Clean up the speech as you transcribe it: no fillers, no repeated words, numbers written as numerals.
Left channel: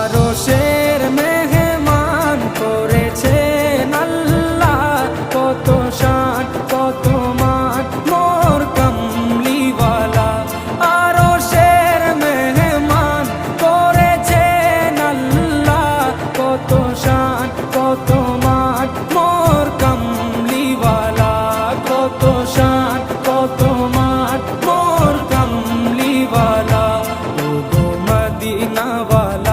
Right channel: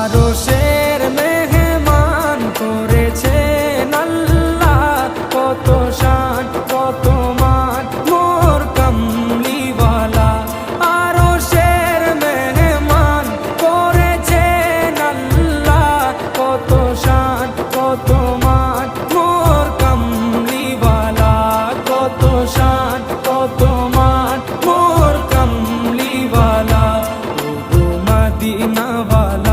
আরশের মেহমান করেছেন আল্লাহ, কত শান কত মান মোর কামলিওয়ালা। আরশের মেহমান করেছেন আল্লাহ, কত শান কত মান মোর কামলিওয়ালা, কত শান কত মান মোর কামলিওয়ালা। ও গো মদিনাওয়ালা